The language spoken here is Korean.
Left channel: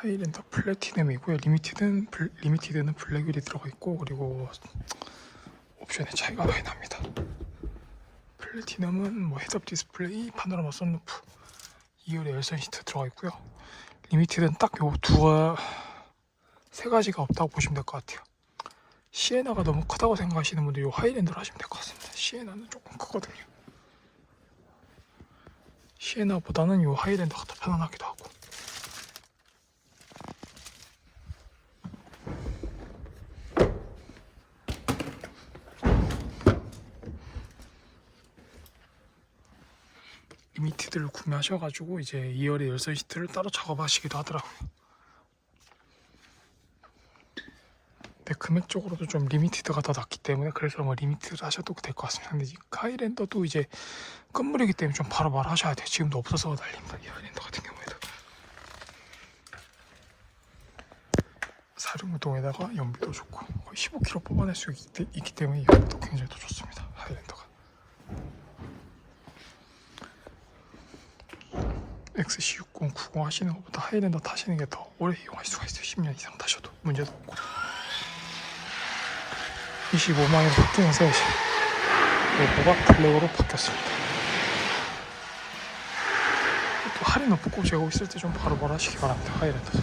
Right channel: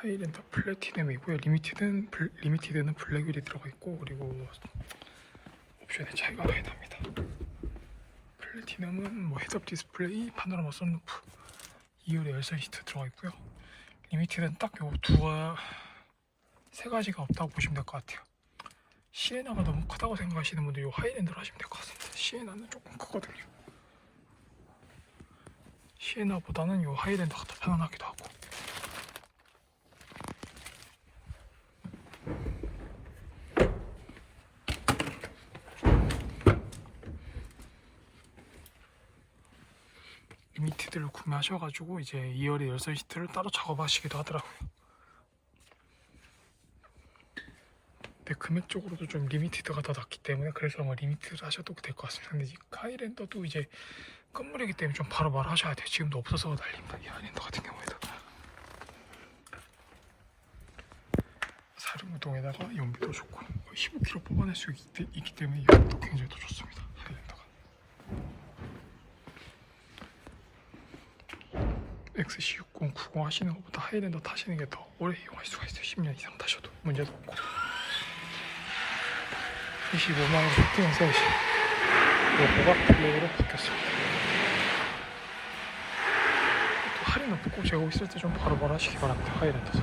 하이랜더 플래티넘이고요. 리미티드는 블, 리미티드는 블랙휠이 들어가 있고 그리고 옵션의 차이가 많이 납니다. 플래티넘은 뭐 헤드업 디스플레이, 파노라마 선루프, 2열에 열선 시트 들어가 있고요. 리미티드는 딱 요 두가 세 가지가 없다고 보시면 될 것 같아요. 시에나가 너무 크다고 생각하시는 분들 요 하이랜드로 하시면 될 것 같습니다. 시에나는 조금 크거든요. 시에나보다는 요 하이랜드가 더 편안하기도 하고. 리미티드를 구매하셔가지고 이제 2열의 열선 시트를 따로 작업하시기도 하더라고요. 근데 금액적으로도 좀 리미티드가 더 낫기 때문에 그래서 뭐 리미티드 하셔도 될 것 같습니다. 근데 이 하이랜더도 이제 건물이기 때문에 좀 바로 바로 하셔야 돼요. 지금도 없어서 달립니다. 이 하이랜더 같은 경우에도. 사륜구동에다가 연비도 좋고 거의 15km 뽑아낼 수 있기, 있기 때문에 이것도 굉장히 더 좋습니다. 하이랜더가. XC60, 90 하시는 것보다 하이랜더 타시는 게 더 오래 이용할 수가 있어요. 10년 이상 타셔도 문제도 없고. 25만 원 바뀌면서 이제 로고가 블랙으로 바뀌었습니다. 또 할인 높고 재고 있을 때 좀 바로바로 하시기 바랍니다. 하이랜더도.